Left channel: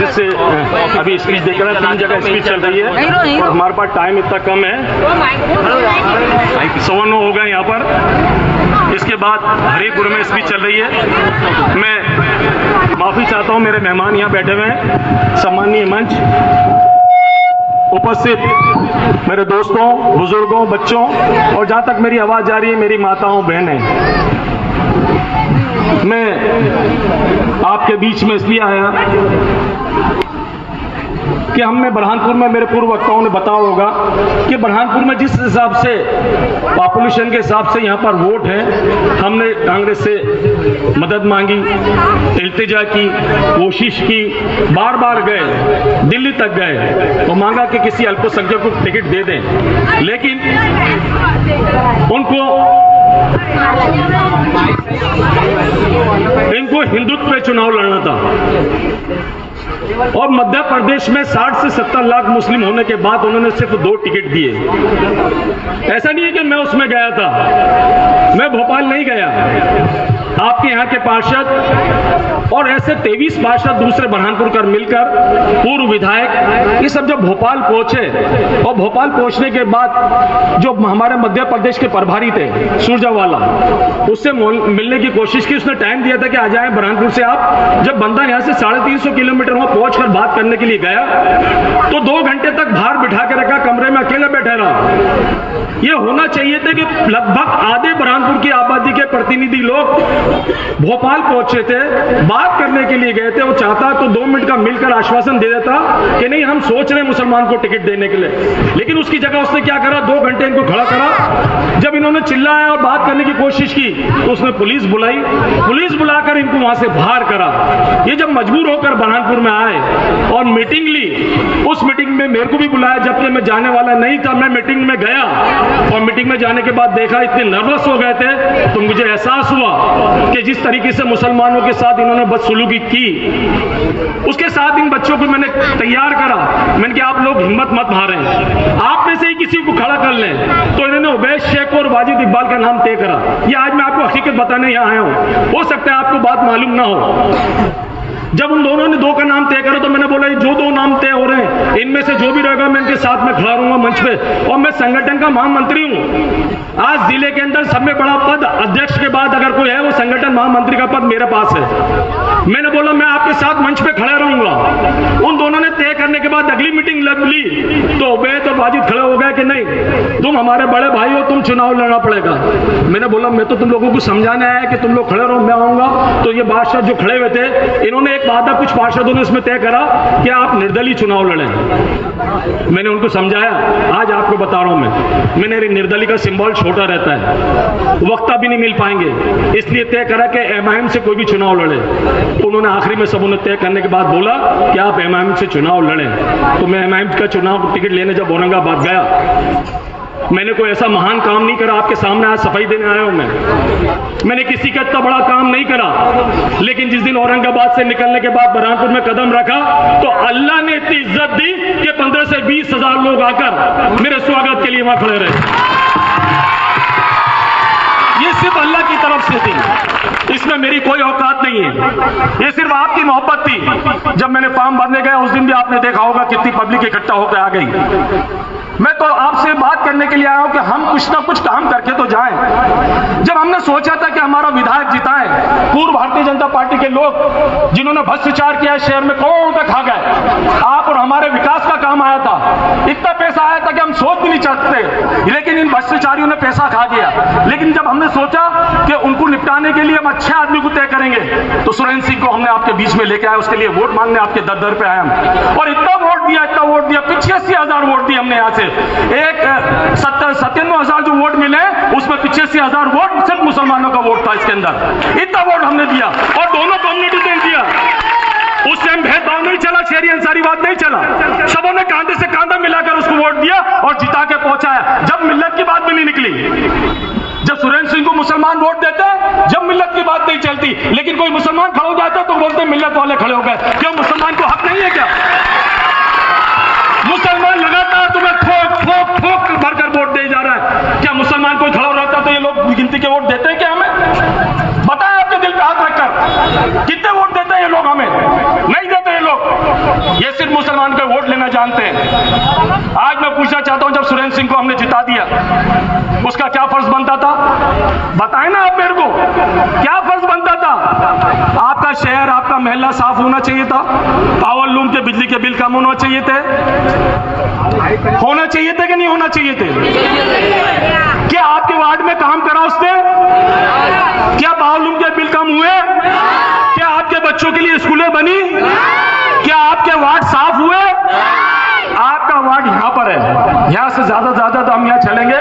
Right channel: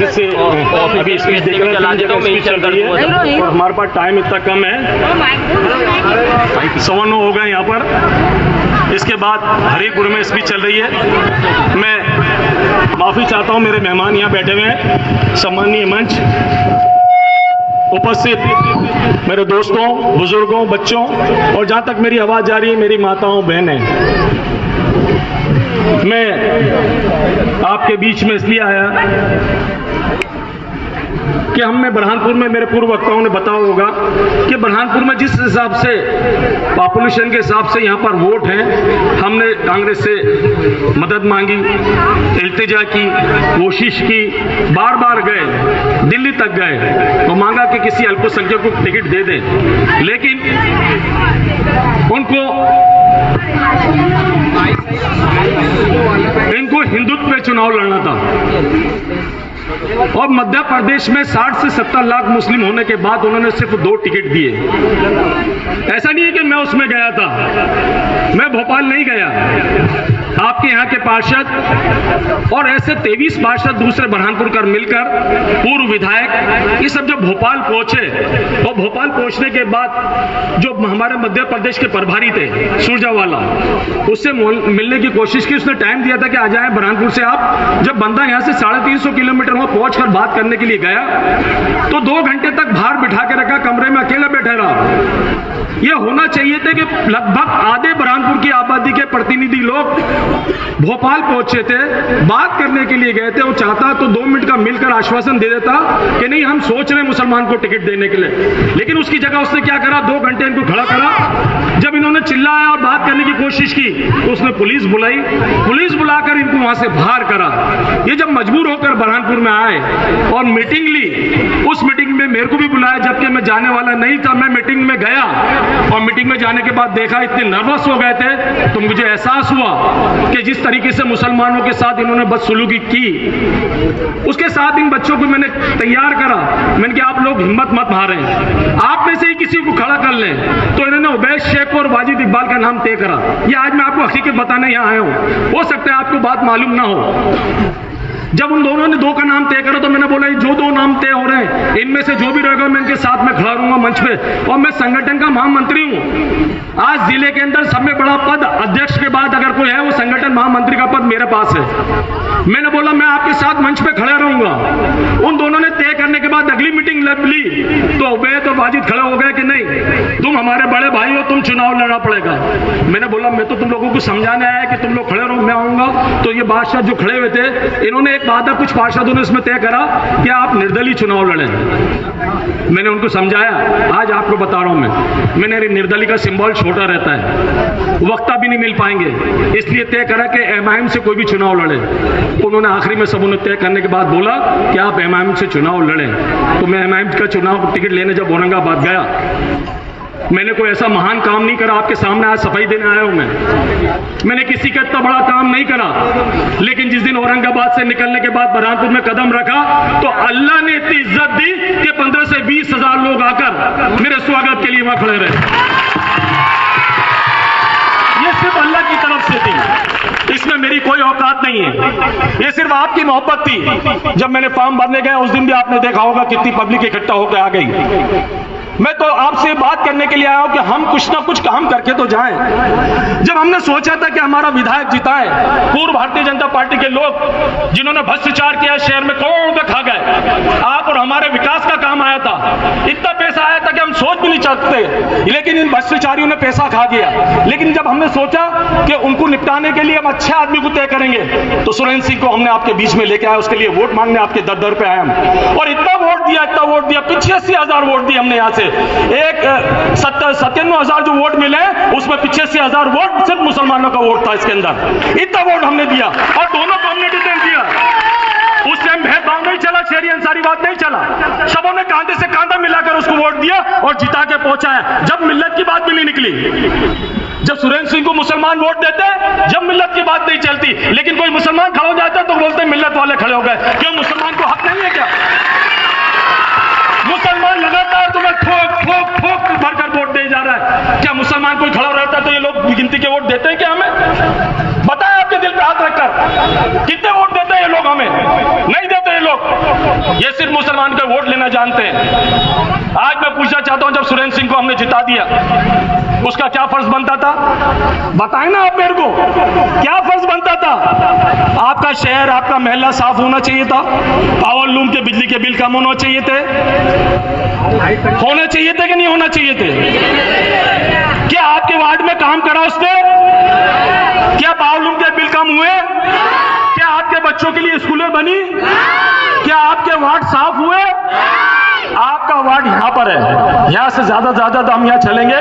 जिससे अभी स्पीच देख रहे हैं, 3 जगह स्पीच चल रही है। हमारे पास टाइम इतना कम है, 9:15 हो गए यहाँ पर। इसके बाद हरिपुर में स्पीच चल रही है। मैं माफी चाहता हूँ, मेरे मेहमान यहाँ बैठे हुए हैं, सम्माननीय मंच उपस्थित मेरे दोस्तों, बुजुर्गों, बच्चों और जहां तक मेरी आवाज जा रही है मेरी माताओं, बहनें, मैं आपके बीच में इसलिए आया कि हमने बुरहानपुर में, मेरे पूर्व वक्ताओं ने बताया होगा कि बुरहानपुर में जिस हिसाब से पॉपुलेशन के हिसाब से यहाँ पर वोट है, हमने कांग्रेस से मदद मांगी, इल्तिजा की, कोशिश की, बार बार गए, दिल्ली तक गए तो मांगा कि किसी अल्पसंख्यक को टिकट दे दें, लेकिन इनको हिंदुत्व पे चुनाव लड़ना था। और मध्य प्रदेश में 60 से 70 लाख मुस्लिम होने के बाद उन्होंने सिर्फ 2 टिकट दिए। ऐसा नहीं है कि मैं उसमें गया था, मैं भोपाल नहीं गया, आपके यहाँ के पार्षद और ऐसे 23 पार्षद दूसरे बुरहानपुर कर मिलकर, पूर्व विधायक, ये सब जब भोपाल पहुंचे और भोपाल पहुंचने के बाद जो हमारे मध्य प्रदेश के प्रभारी थे सुरजावाला, उससे मिलने की कोशिश की। उसने टाइम दिया था कि आ जाए बुरहानपुर से आप। जब बंदा यहाँ से 350 किलोमीटर वहां पहुंचकर बात करने के लिए गया तो 2 घंटे तक बाहर बिठा के रखा, कमरे में अकेले बैठा रहा। ये होना चाहिए था कि लगभग आधे बुरहानपुर की आबादी के प्रतिनिधि लोग भोपाल पहुंचे थे, बात करने के लिए गए थे। वो चाहता तो 2 मिनट का मिलकर आश्वासन दे देता कि नहीं हम सोच रहे हैं मुसलमान को टिकट देने के लिए, लेकिन उसकी जगह उसने क्या करा, 2 घंटे इनको खड़ा करा। जब इन्होंने चिल्लाया और बात करने की कोशिश की तो उसने पुलिस बुलाई, पुलिस बुलाकर इनको वहां से बाहर करा। ये जब मजबूर होकर बुरहानपुर में आए और मीटिंग ली, उस मीटिंग में मेरे को भी बुलाया, जबकि मैं जाने वाला नहीं था। मैं मीटिंग में गया और मीटिंग में जाने के बाद देखा इतने नर्वस हो गए थे तो मुझे एहसास हुआ कि जिस तरीके से मुसलमानों के साथ इन्होंने बदसलूकी की, उसके साथ इन बच्चों को मैंने तैयार करा। मैंने कहा आप लोग हिम्मत मत हारें, आप में से ही किसी को खड़ा कर लें। तो इन्होंने उबैद शेख और वाजिद इकबाल का नाम तय करा। ये आज मैं आपको हकीकत बताने यहाँ आया हूँ, हो सकता है आपको बात मालूम ना हो। जब उन दोनों ने 2 का नाम तय करा तो मैंने बोला जो 2 नाम तय हो रहे हैं इनमें से जो भी रहेगा मैं इनके साथ में खड़ा रहूंगा मंच पे। और मैं संगठन का महामंत्री हूं। आज जिले के अंदर सबसे बड़ा पद अध्यक्ष के बाद अगर कोई है वो संगठन महामंत्री का पद मेरे पास है। मैंने बोला मैं आपके साथ मंच पे खड़ा रहूंगा। उन दोनों ने तय करने के बाद अगली मीटिंग ली तो उबैद और वाजिद खड़े हो गए कि नहीं तुम हमारे बड़े भाई हो, तुम चुनाव लड़ना पड़ेगा। मैंने बोला मैं तो तुम लोगों को समझाने आया कि तुम लोग खड़े रहो, मैं आऊंगा। तो ये बादशाह जो खड़े हुए थे, इन्होंने एक वादा कुछ पार्षदों ने इसमें तय करा कि आप निर्दलीय चुनाव लड़ें। मैंने उनको समझाया, आज आपको बता रहा हूं मैंने निर्दलीय का सिंबल छोटा रहता है, वक्ता भी नहीं मिल पाएंगे, इसलिए तय करा कि एमआईएम से कोई भी चुनाव लड़े। तो उन्होंने आखिरी में सब उन्हें तय करने के बाद बोला कि आप एमआईएम से चुनाव लड़ें। तो मैं एमआईएम का चुनाव टिकट लेने जब औरंगाबाद गया, मैंने कोई ऐसा महान काम नहीं करा, आपके सामने आज सफाई देने आया हूं मैंने किसी का इतना बड़ा काम नहीं करा, लेकिन जिस दिन औरंगाबाद से निकलने के बाद बुरहानपुर में कदम रखा तो अल्लाह ने इतनी इज्जत दी कि 15 से 20 हजार लोग आकर मेरे स्वागत के लिए वहां खड़े रहे। ये सिर्फ अल्लाह की तरफ से थी, इसमें मेरी कोई औकात नहीं है, ये सिर्फ आपकी मोहब्बत थी। जब मैंने फॉर्म भरने गया उस दिन भी आपने देखा होगा कितनी पब्लिक इकट्ठा होकर आ गई। मैं तो आपसे बात करने के लिए आया हूं कि हम कुछ ना कुछ काम करके तो जाएं। जब हमने सोचा था कि हमारा विधायक जिताए, पूर्व भारतीय जनता पार्टी के लोग जिन्होंने भ्रष्टाचार किया शहर में करोड़ों रुपए खा गए, आप और हमारे विकास का काम आया था, इतना पैसा आया था कि हम सोच भी नहीं सकते, लेकिन इन भ्रष्टाचारियों ने पैसा खा गया। लेकिन जब हमने सोचा कि उनको निपटाने के लिए हम अच्छे आदमी को तय करेंगे तो सुरेंद्र सिंह को हमने आपके बीच में लेके आया, उसके लिए वोट मांगने आपके दर पे आए और इतना वोट दिया 85,000 वोट दिए हमने। यहाँ से एक 97,000 जो वोट मिले उसमें 85,000 वोट सिर्फ मुसलमानों का वोट था इसके अंदर, इतना वोट हमने दिया और दोनों कम्युनिटी ने दिया। उस टाइम भेदभाव नहीं चला, शहरी अंसारी बात नहीं चला, सबों ने कांधे से कांधा मिलाकर उसको वोट दिया और जिता के पहुंचाया। जब मिल्लत की बात भी नहीं निकली, जब सुरेंद्र सिंह को मुसलमान वोट देते जब मिल्लत की बात नहीं चलती, लेकिन कोई मुसलमान खड़ा हो जाता तो बोलते मिल्लत वाले खड़े हो गए। क्यों मुसलमान को हक नहीं है क्या? मुसलमान लगातार तुम्हें ठोक भरकर वोट दे जा रहा है, क्या मुसलमान कोई खड़ा रहता तो ये लोग गिनती के वोट देते हैं क्या हमें? बताया आपके दिल पे हाथ रखकर कितने वोट देते हैं ये लोग हमें? नहीं देते ये लोग। लोग ये सिर्फ मुसलमान के वोट लेना जानते हैं। आज मैं पूछना चाहता हूं, जब सुरेंद्र सिंह को हमने जिता दिया, उसका क्या फर्ज बनता था? बताएं ना आप मेरे को, क्या फर्ज बनता था? आपका शहर, आपका मोहल्ला साफ होना चाहिए था, पावर लूम के बिजली के बिल कम होना चाहिए थे, कि नहीं होना चाहिए थे? क्या आपके वार्ड में काम करा उसने? क्या पावर लूम के बिल कम हुए? क्या आपके बच्चों के लिए स्कूलें बनी? क्या आपके वार्ड साफ हुए? आपका वार्ड यहां पर है, यहां से ज्यादा तो हम यहां चलेंगे,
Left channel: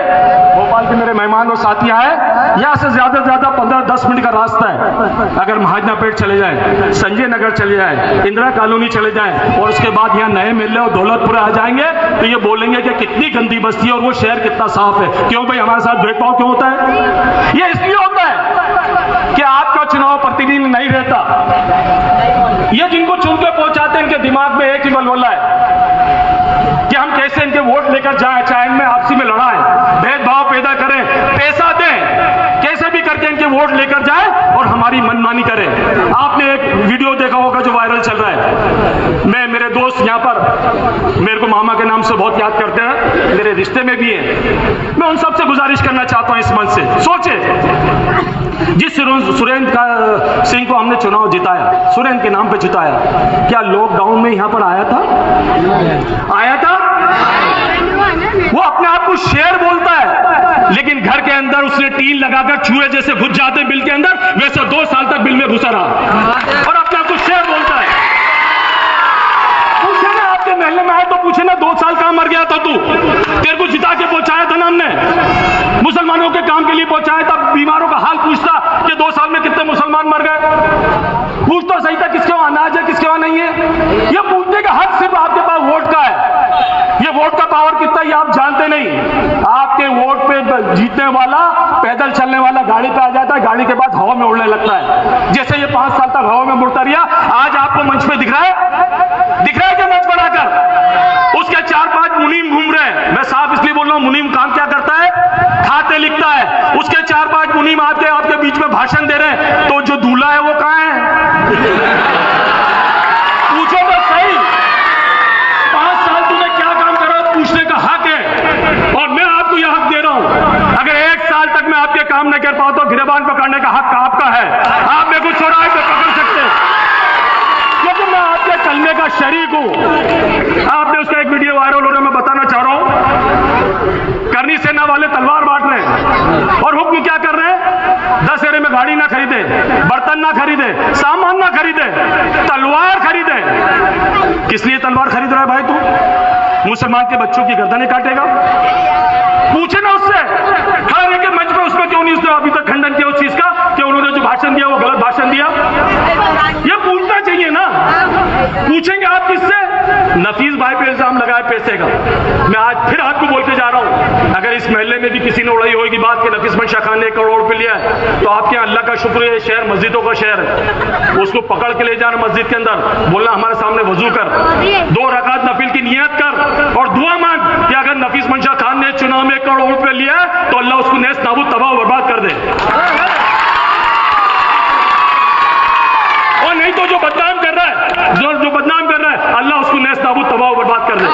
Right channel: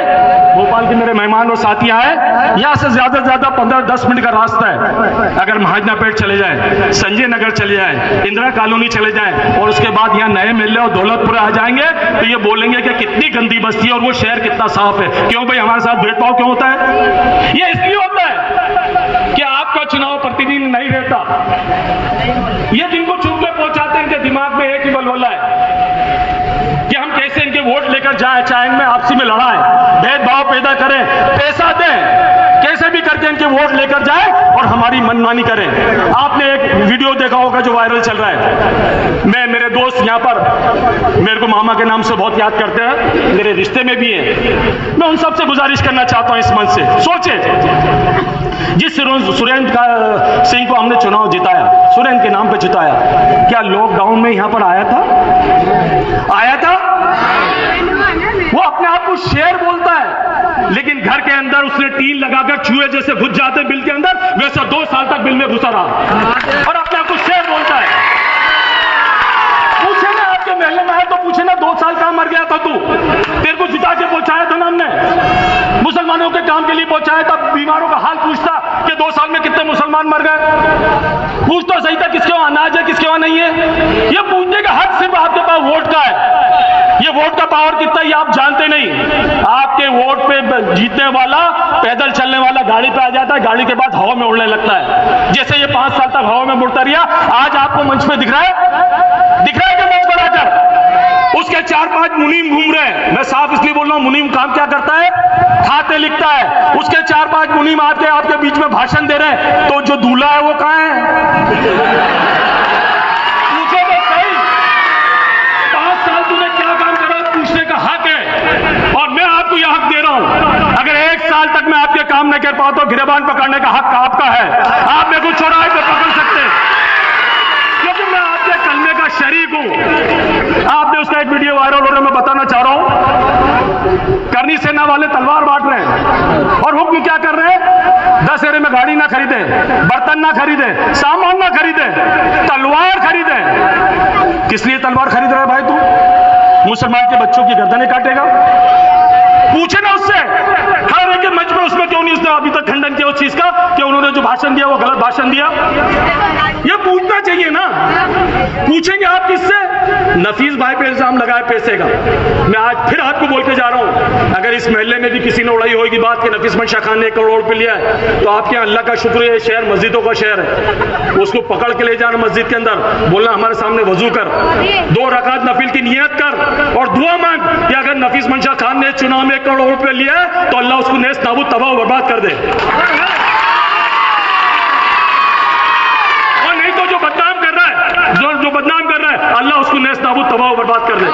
भोपाल के मेरे मेहमान और साथी आए, यहां से ज्यादा 15-10 मिनट का रास्ता है। अगर महाजनापेट चले जाए, संजय नगर चले जाए, इंदिरा कॉलोनी चले जाए और उसके बाद यहाँ नए मेले और दौलतपुरा आ जाएंगे, तो ये बोलेंगे कि कितनी गंदी बस्ती है और वो शहर कितना साफ है। क्यों भाई, हमारे साथ भेदभाव क्यों होता है? ये इसलिए होता है कि आपका चुनाव प्रतिनिधि नहीं रहता। ये जिनको चुन के पहुंचाते हैं, इनके दिमाग में एक ही बलबला है कि हम कैसे इनके वोट लेकर जाएं, चाहे इनमें आपसी में लड़ाएं, भेदभाव पैदा करें, पैसा दें, कैसे भी करके इनके वोट लेकर जाएं और हमारी मनमानी करें। आपने एक वीडियो देखा होगा जो वायरल चल रहा है। मेरे दोस्त यहाँ पर मेरे को मामा के नाम से बहुत याद करते हैं, मेरे रिश्ते में भी हैं। मैं उन सबसे गुजारिश करना चाहता हूं इस मंच से, सोचे जिस सुरेंद्र सिंह को हमने चुनाव जिताया, सुरेंद्र के नाम पे जिताया, क्या लॉकडाउन में यहां पर आया था? वो अपने आप को शेर बोलता है, लेकिन घर के अंदर उसने टीन लगाकर चूहे जैसे घुस जाते बिल के अंदर, वैसे 2 साल तक बिल में घुसा रहा और अपने आप को शेर बोलता है। पूछे ना, आपके महल्ले में आए तो पूछे ना, 2 साल कहां मर गया था तू? तेरे को जिता के पहुंचाया था ना हमने, मुसलमानों के काम के लिए पहुंचाया था। बीमारों का हाल पूछता कि 2 साल में कितने मुसलमान मर गए? पूछ तो सही था, किसके वहां अनाज है, किसके वहां नहीं है। ये पूछने का हक सिर्फ आपके पास वोट का है। ये वोट का पावर कितना ये आप जानते नहीं। आपके वोट पे जीतने वाला पैदल चलने वाला गाड़ी पे आ जाता है, गाड़ी के बाद हवा में उड़ने लगता है। जैसे ये 5 साल तक हवा में उड़ता रहा, आज आपको मंच पे दिख रहा है कि मंच बनाकर उसके 4-5 मुनीम घूम रहे हैं। मैं साफ इसलिए बोल रहा हूं, मुनीम काम क्या करता है? खाते लिखता है। उसके 4-5 मुनीम आपके बीच में भाषण दे रहे हैं, तो जो दूल्हा है वो कहां है? पूछो तो सही, 5 साल तूने क्या काम करा, पूछने का हक है और मैं आपको यह हक दे रहा हूं। अगर 1 साल तक मैं आपके काम नहीं कर पाता तो गिरबान पकड़ने का हक आपका है। आप मेरे को चौराहे पे पकड़ सकते हैं क्योंकि मैं आपके कलमे का शरीक हूं। आपने उसका एक वीडियो वायरल हो रहा है, मैं बताना चाह रहा हूं। करनी सेना वाले तलवार बांट रहे हैं और हुक्म क्या कर रहे हैं? 10 एरे में गाड़ी ना खरीदे, बर्तन ना खरीदे, सामान ना खरीदे, तलवार खरीदे। किस लिए तलवार खरीद रहा है भाई तू? मुसलमान के बच्चों की गर्दनें काटेगा? पूछे ना उससे, खड़ा रह के मंच पर उसमें क्यों नहीं उसने अभी तक खंडन किया उस चीज का कि उन्होंने जो भाषण दिया वो गलत भाषण दिया? ये पूछना चाहिए ना। पूछेंगे आप किससे? नफीस भाई पे इल्जाम लगाए पैसे का। मैं आज फिर आपको बोल के जा रहा हूं, अगर इस महल्ले में भी किसी ने उड़ाई होगी बात कि नफीस मंशा खान ने 1 करोड़ रुपए लिया है, तो आपके अल्लाह का शुक्र है, शहर मस्जिदों का शहर है। उसको पकड़ के ले जाना मस्जिद के अंदर, बोलना हमारे सामने वजू कर, 2 रकात नफिल की नियत कर और दुआ मांग कि अगर नफीस मंशा खान ने चुनाव में 1 करोड़ रुपए लिया है तो अल्लाह उसको नेस्त नाबूद तबाह बर्बाद कर दे। और नहीं तो जो बदनाम कर रहा है, जो बदनाम कर रहा है, अल्लाह उसको नेस्त नाबूद तबाह बर्बाद कर दे।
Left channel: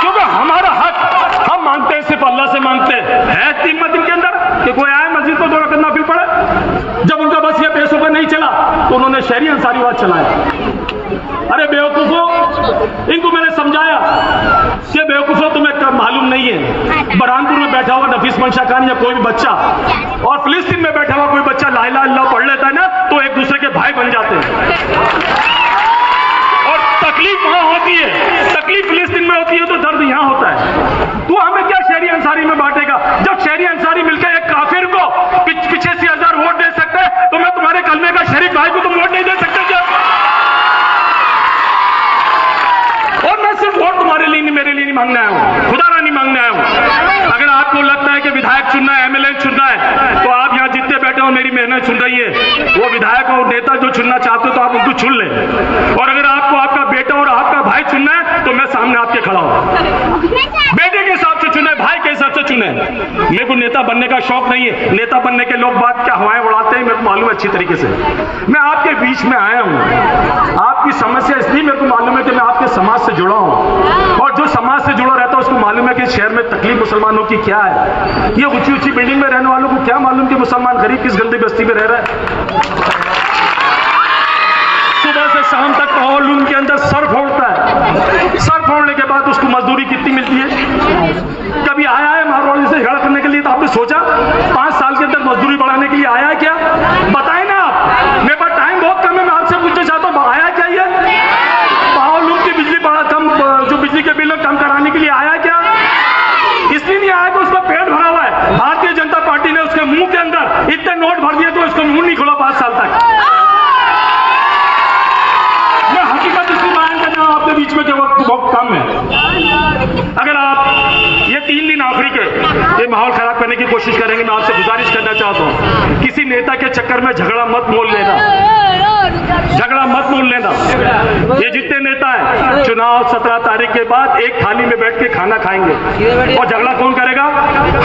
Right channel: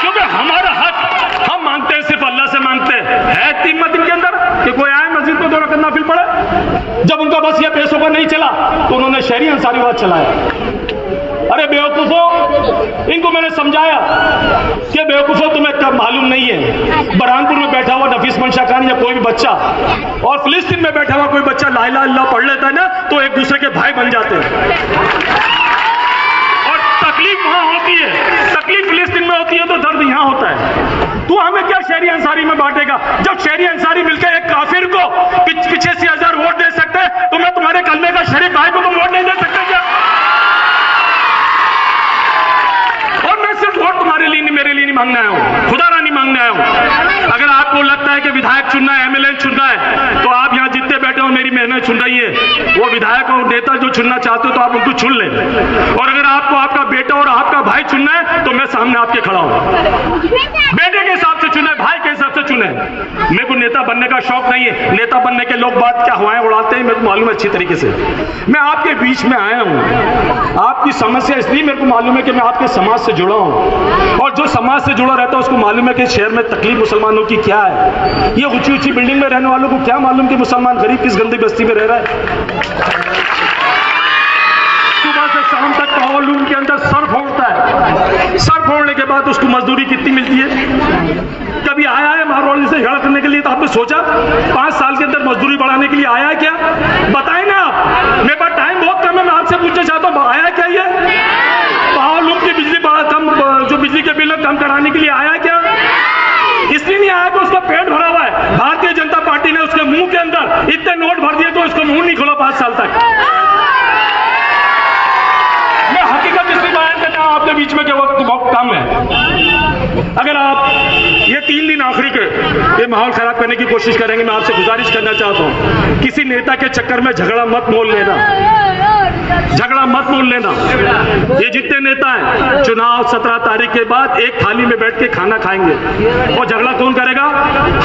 क्योंकि हमारा हक हम मांगते हैं, सिर्फ अल्लाह से मांगते हैं। 3 दिन के अंदर कि कोई आए मस्जिद में 2 रकात नफिल पढ़े। जब उनका बस ये पैसों का नहीं चला तो उन्होंने शहरी अंसारीवाद चलाया। अरे बेवकूफों, इनको मैंने समझाया कि बेवकूफों तुम्हें कब मालूम नहीं है, बरहानपुर में बैठा हुआ नफीस मंशा खान या कोई भी बच्चा और फिलिस्तीन में बैठा हुआ कोई बच्चा ला इलाहा इल्लल्लाह पढ़ लेता है ना, तो एक दूसरे के भाई बन जाते हैं। और तकलीफ वहां होती है, तकलीफ फिलिस्तीन में होती है तो दर्द यहां होता है। तू हमें क्या शहरी अंसारी में बांटेगा? जब शहरी अंसारी मिलकर एक काफिर को पीछे से 1000 वोट दे सकते हैं, तो मैं तुम्हारे कलमे का शरीक भाई को तुम वोट नहीं दे सकते क्या? और मैं सिर्फ वोट तुम्हारे लिए नहीं, मेरे लिए नहीं मांगने आया हूं, खुदा नहीं मांगने आया हूं। अगर आपको लगता है कि विधायक चुनना है, एमएलए चुनना है, तो आप यहाँ जितने बैठे हो मेरी मेहनत चुन रही है। वो विधायक और नेता जो चुनना चाहते हो तो आप उनको चुन लें। और अगर आपको आपका बेटा और आपका भाई चुनना है तो मैं सामने आपके खड़ा हूं। बेटे के हिसाब से चुना है, भाई के हिसाब से चुना सुने, मेरे को नेता बनने का शौक नहीं है। नेता बनने के लोग बात क्या हवाएं उड़ाते हैं मेरे को मालूम है अच्छी तरीके से। मैं आपके बीच में आया हूँ, आपकी समस्या इसलिए मेरे को मालूम है कि मैं आपके समाज से जुड़ा हूँ, और जो समाज से जुड़ा रहता है उसको मालूम है कि शहर में तकलीफ मुसलमानों की क्या है। ये ऊंची ऊंची बिल्डिंग में रहने वालों को क्या मालूम कि मुसलमान गरीब किस गंदी बस्ती में रह रहा है। सुबह से शाम तक वॉल्यूम के अंदर सर फोड़ता है, सर फोड़ने के बाद उसको मजदूरी कितनी मिलती है? कभी आया है मारवाड़ी से झगड़ा करने के लिए? तो आपने सोचा 5 साल के अंदर मजदूरी बढ़ाने के लिए आया है क्या? बताए ना आप। मेरे पास टाइम बहुत कम है, मैं आपसे पूछना चाहता हूँ आया क्या ये? वॉल्यूम की बिजली कम, जो बिजली के बिल कम कराने के लिए आया क्या? इसलिए नहीं आया कि उसका पेट भरा हुआ है। भारतीय जनता पार्टी ने उसके मुंह के अंदर इतने नोट भर दिए तो उसका मुंह नहीं खोला 5 साल तक। मैं हकीकत इसलिए बयान करना हूं आपके बीच में कि वक्त बहुत कम है। अगर आप ये 3 दिन आखिरी के ये माहौल खराब करने की कोशिश करेंगे, मैं आपसे गुजारिश करना चाहता हूं किसी नेता के चक्कर में झगड़ा मत मोल लेना, झगड़ा मत मोल लेना। ये जितने नेता हैं चुनाव 17 तारीख के बाद एक थाली में बैठ के खाना खाएंगे, और झगड़ा कौन करेगा?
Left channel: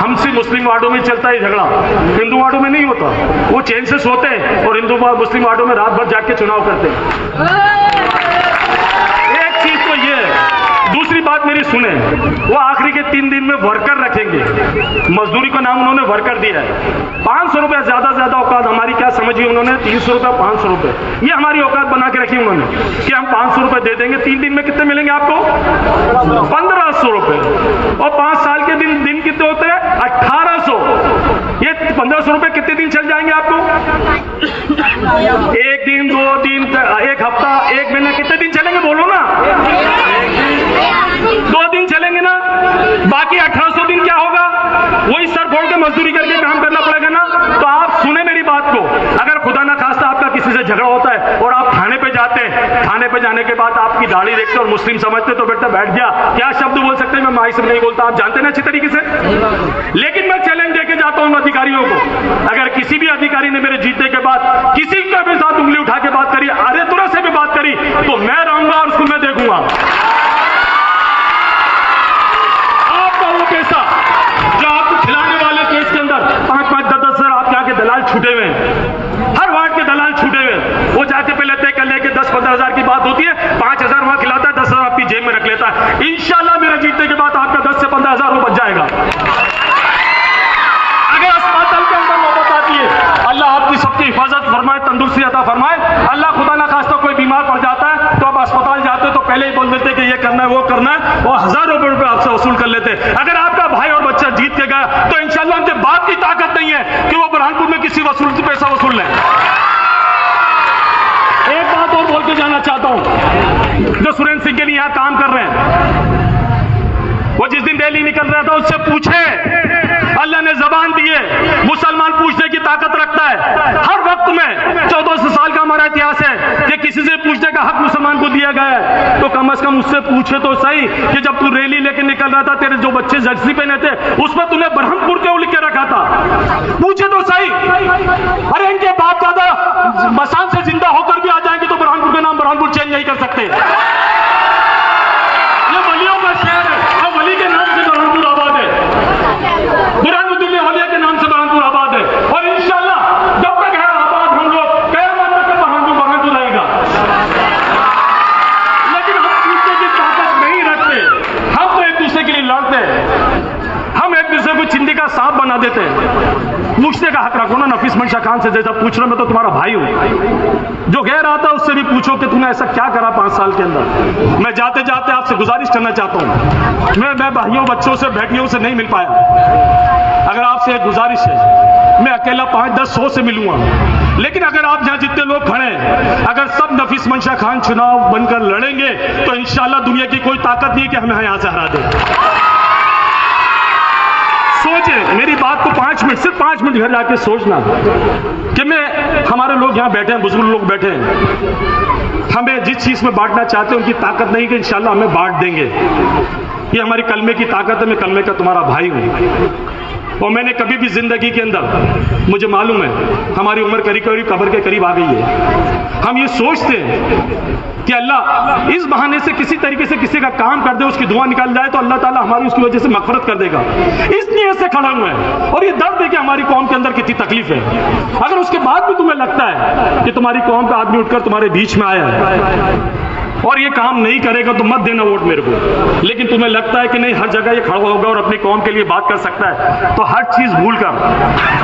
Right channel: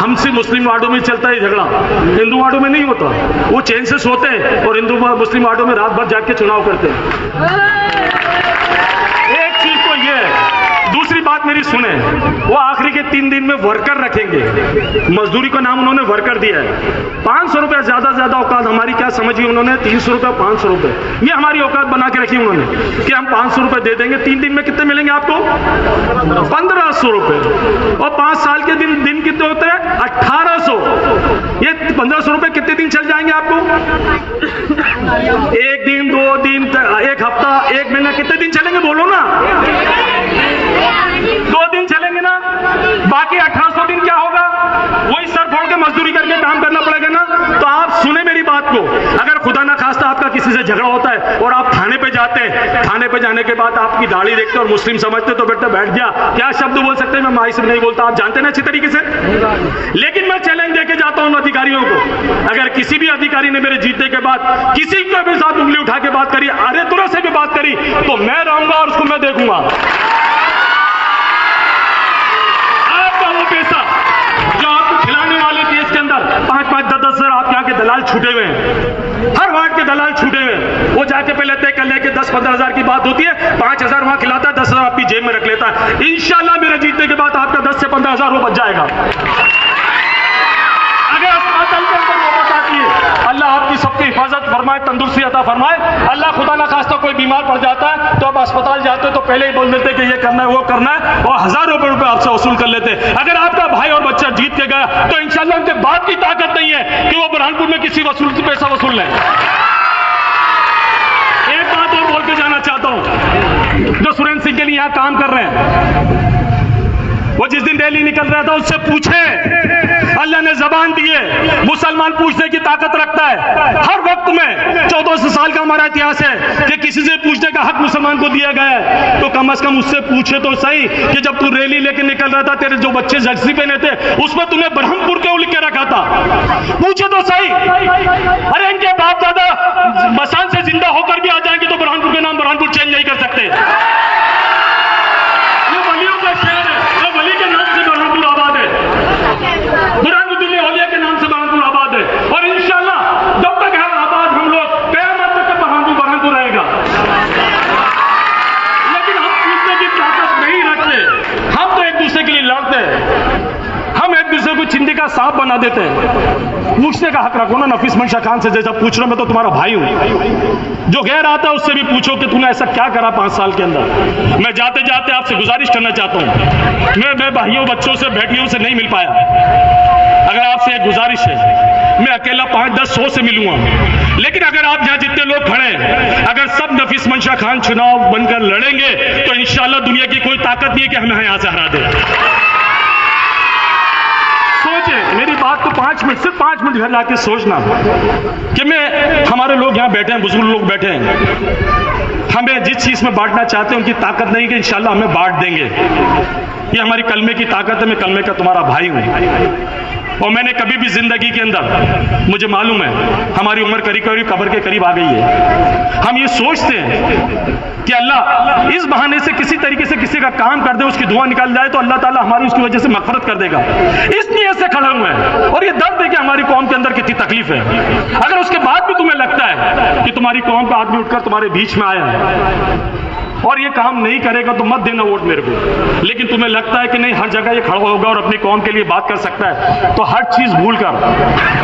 हमसे मुस्लिम वार्डों में चलता है झगड़ा, हिंदू वार्डों में नहीं होता। वो चैन से सोते हैं और हिंदू मुस्लिम वार्डों में रात भर जाग के चुनाव करते हैं। एक चीज तो ये है। दूसरी बात मेरी सुने, वो आखिरी के 3 दिन में वर्कर रखेंगे। मजदूरी का नाम उन्होंने वर्कर दिया है। 500 रुपए ज्यादा से ज्यादा औकात हमारी क्या समझी उन्होंने? 300 रुपए 500 रुपए, ये हमारी औकात बना के रखी उन्होंने कि हम 500 रुपए दे देंगे। 3 दिन में कितने मिलेंगे आपको? 1500 रुपए। और 5 साल के दिन कितने होते हैं? 1800। ये 1500 रुपए कितने दिन चल जाएंगे आपको? 1 दिन, 2 दिन, 1 हफ्ता, 1 महीना, कितने दिन चलेंगे बोलो ना? 2 दिन चलेंगे ना, बाकी 1800 दिन क्या होगा? वही सर फोड़ के मजदूरी करके काम करना पड़ेगा ना। तो आप सुने मेरी बात को, अगर खुदा ना खास्ता आपका किसी से झगड़ा होता है और आप थाने पे जाते हैं, थाने पे जाने के बाद आपकी दाढ़ी देखते और मुस्लिम समझते तो बेटा बैठ गया, क्या शब्द बोल सकते हैं? मैं माई से नहीं बोलता, आप जानते ना अच्छी तरीके से। लेकिन मैं चैलेंज देके जाता हूं अधिकारियों को, अगर किसी भी अधिकारी ने मेरे जीतने के बाद किसी के भी साथ उंगली उठा के बात करी, अरे तुरंत से भी बात करी, तो मैं रहूंगा और उसको मैं देखूंगा। आपका वो पैसा जो आपको खिलाने वाले केस के अंदर 5-5, 10-10 हजार आपके यहाँ के दलाल छूटे हुए हैं, हर वार्ड के दलाल छूटे हुए हैं। वो जाके पहले तय कर ले कि 10-15 हजार की बात होती है, 5000 वहां खिलाता है, 10 हजार आपकी जेब में रख लेता है। इंशाल्लाह मेरा जीतने के बाद आपका 10 से 15 हजार में बच जाएगा। अगर अस्पताल के अंदर वापस आती है, अल्लाह आपकी सबकी हिफाजत फरमाए, तंदुरुस्ती अता फरमाए। अल्लाह खुदा ना खास्ता कोई बीमार पड़ जाता है तो आप अस्पताल जाते हो तो पहले ही बोल देते कि ये करना है वो करना है, और हजारों रुपए आपसे वसूल कर लेते। अगर आपका भाई और बच्चा जीत के गया तो इंशाल्लाह उनके बाप की ताकत नहीं है कि वो बुरहानपुर में किसी वसूल से पैसा वसूल लें। एक बात और बोल के जाना चाहता हूं, जो सुरेंद्र सिंह के लिए यहां काम कर रहे हैं, वो जिस दिन रैली निकल रहा था उससे पूछे, अल्लाह ने जबान दी है, मुसलमान पूछने की ताकत रखता है। हर वक्त में 1400 साल का हमारा इतिहास है कि किसी से पूछने का हक मुसलमान को दिया गया है। तो कम से कम उससे पूछे तो सही कि जब तू रैली लेके निकल रहा था, तेरे जो बच्चे जर्सी पहने थे उसमें तूने ब्रह्मपुर क्यों लिख के रखा था? पूछे तो सही। अरे इनके बाप दादा मसान से जिंदा होकर भी आ जाएंगे तो बुरहानपुर का नाम बुरहानपुर चेंज नहीं कर सकते। ये वलियों का शहर है और वली के नाम से बुरहानपुर आबाद है, बुरहानुद्दीन औलिया के नाम से बुरहानपुर आबाद है। और इंशाल्लाह जब तक है आबाद हम लोग क़यामत तक बुरहानपुर रहेगा। लेकिन हम पूछने की ताकत नहीं रखते, हम तो एक दूसरे के लिए लड़ते हैं, हम एक दूसरे को चिंदी का सांप बना देते हैं। पूछने का हक रखो ना। नफीस मंशा खान से जैसा पूछ रहा, मैं तो तुम्हारा भाई हूं। जो गैर आता उससे भी पूछो कि तूने ऐसा क्या करा 5 साल के अंदर। मैं जाते जाते आपसे गुजारिश करना चाहता हूं, मैं भाइयों बच्चों से बेटियों से नहीं मिल पाया, अगर आपसे एक गुजारिश है, मैं अकेला 5, 10, 100 से मिलूंगा। लेकिन अगर आप जहां जितने लोग खड़े हैं, अगर सब नफीस मंशा खान चुनाव बनकर लड़ेंगे तो इंशाल्लाह दुनिया की कोई ताकत नहीं है कि हमें यहां से हरा दे। सोचे मेरी बात को 5 मिनट, सिर्फ 5 मिनट घर जाके सोचना कि मैं, हमारे लोग यहाँ बैठे हैं, बुजुर्ग लोग बैठे हैं, हमें जिस चीज में बांटना चाहते हैं उनकी ताकत नहीं कि इंशाल्लाह हमें बांट देंगे। ये हमारी कलमे की ताकत है। मैं कलमे का तुम्हारा भाई हूं। और मैंने कभी भी जिंदगी के अंदर, मुझे मालूम है हमारी उम्र करीब करीब कब्र के करीब आ गई है, हम ये सोचते हैं कि अल्लाह इस बहाने से किसी तरीके से किसी का काम कर दे, उसकी दुआ निकाल जाए तो अल्लाह ताला हमारी उसकी वजह से मगफरत कर देगा। इसलिए ऐसे खड़ा हुआ है और ये दर्द है कि हमारी कौम के अंदर कितनी तकलीफ है। अगर उसके बाद भी तुम्हें लगता है कि तुम्हारी कौम का आदमी उठकर तुम्हारे बीच में आया है और ये काम नहीं करेगा तो मत देना वोट मेरे को, लेकिन तुम्हें लगता है कि नहीं हर जगह ये खड़ा होगा और अपनी कौम के लिए बात कर सकता है, तो हर चीज भूल कर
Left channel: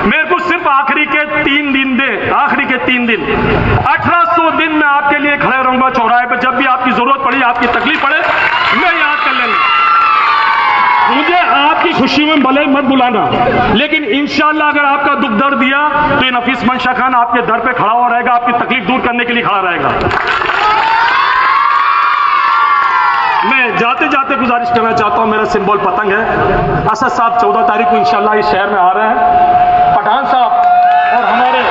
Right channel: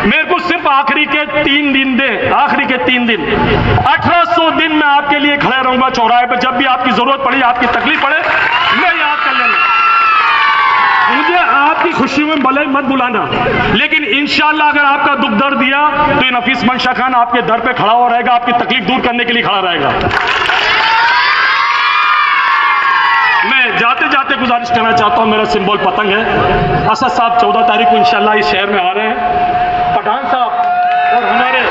मेरे को सिर्फ आखिरी के 3 दिन दे, आखिरी के 3 दिन, 1800 दिन मैं आपके लिए खड़े रहूंगा चौराहे पर। जब भी आपकी जरूरत पड़ी, आपकी तकलीफ पड़े, मैं याद कर लेना। मुझे आपकी खुशी में भले मत बुलाना, लेकिन इंशाअल्लाह अगर आपका दुख दर्द दिया तो ये नफीस मंशा खान आपके दर पे खड़ा हो रहेगा, आपकी तकलीफ दूर करने के लिए खड़ा रहेगा। मैं जाते जाते गुजारिश करना चाहता हूं, मेरा सिंबल पतंग है। असद साहब 14 तारीख को इंशाल्लाह इस शहर में आ रहे हैं। पठान साहब और हमारे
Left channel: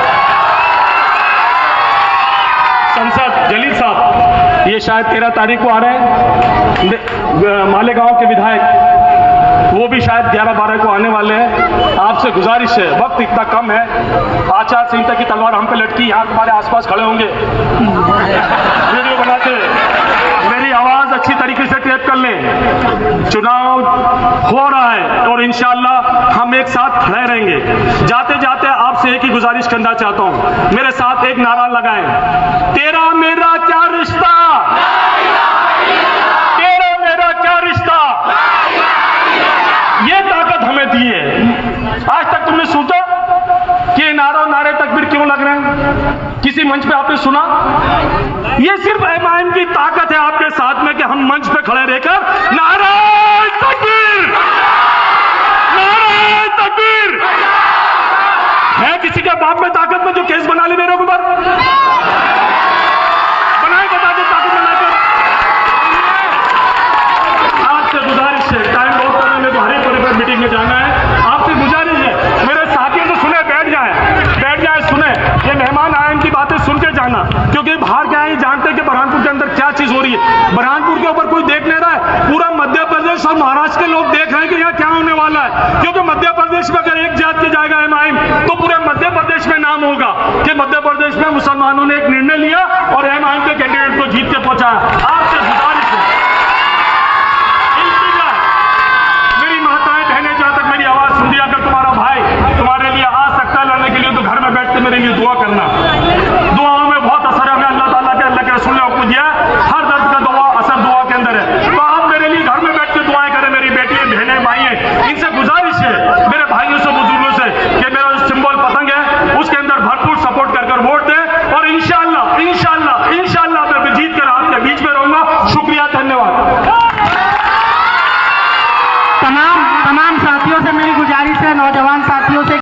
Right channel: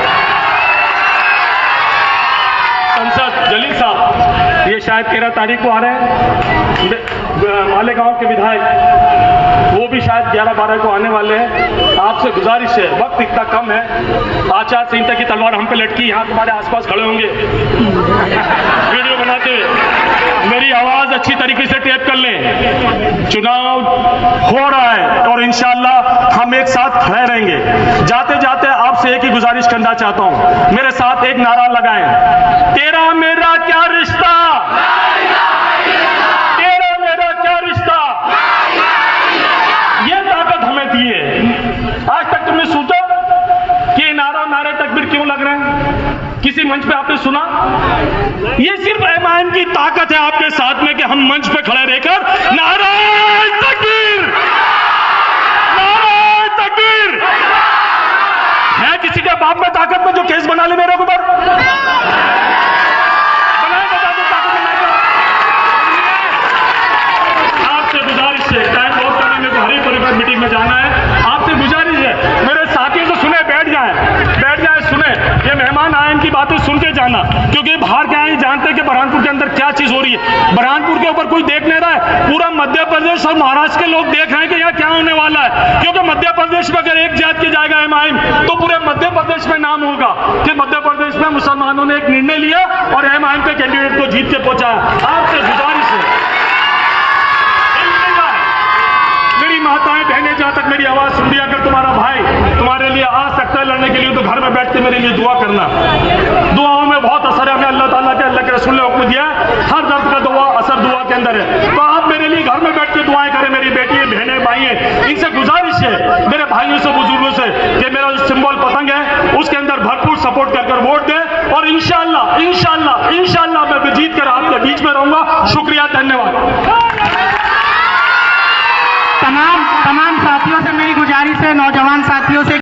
संसद जलील साहब ये शायद 13 तारीख को आ रहे हैं। मालेगांव के विधायक वो भी शायद 11-12 को आने वाले हैं। आपसे गुजारिश है, वक्त इतना कम है, आचार संहिता की तलवार हम पे लटकी, यहाँ तुम्हारे आसपास खड़े होंगे वीडियो बनाते हुए, मेरी आवाज अच्छी तरीके से टेप कर लें। चुनाव हो रहा है और इंशाअल्लाह हम एक साथ खड़े रहेंगे। जाते जाते आपसे एक ही गुजारिश करना चाहता हूं, मेरे साथ एक नारा लगाएं, तेरा मेरा क्या रिश्ता, तेरा मेरा क्या रिश्ता। ये ताकत हमें दी है। आज तक तुमने सोचा कि नारे तकबीर क्यों लग रहे हैं? किसी मंच पे आपने सुना? ये सिर्फ एमआईएम की ताकत है आपके साथ में कि हम मंच पे खड़े रहकर नारे तकबीर, नारे तकबीर। है किसी के बाप में ताकत में जो केस बना ले मेरे ऊपर? बनाए बता दो ताकत बनाकर। आपसे गुजारिश है, टाइम बहुत करने में तो हरी परिवार मीटिंग में जाना है। आपसे गुजारिश है, मेरे साथियों से सुने, बैठ जाए सुने, ये मेहमान आयन की बातें सुन के जाना, क्योंकि बाहर क्या है जानते हैं कि बुरहानपुर के अंदर क्या चीज हो रही है। बुरहानपुर के ऊपर कोई देख नहीं रहा है, पूरा मध्य प्रदेश और महाराष्ट्र के लोग देख रहे हैं कि यह क्या होने वाला है। क्योंकि मध्य प्रदेश में अगर एक जात के जाएगा एमआईएम तो पूरे मध्य प्रदेश में नाम होगा कि मध्य प्रदेश में मुसलमानों ने एक निर्णय लिया और एमआईएम के कैंडिडेट को जीत के पहुंचाया। आपसे गुजारिश है, मेरी माताएं बहनें, जहां तक मेरी आवाज सुन लिया, अगर तुम्हारा भाई तुम्हारे लिए आ सकता है लड़ने के लिए तो घर में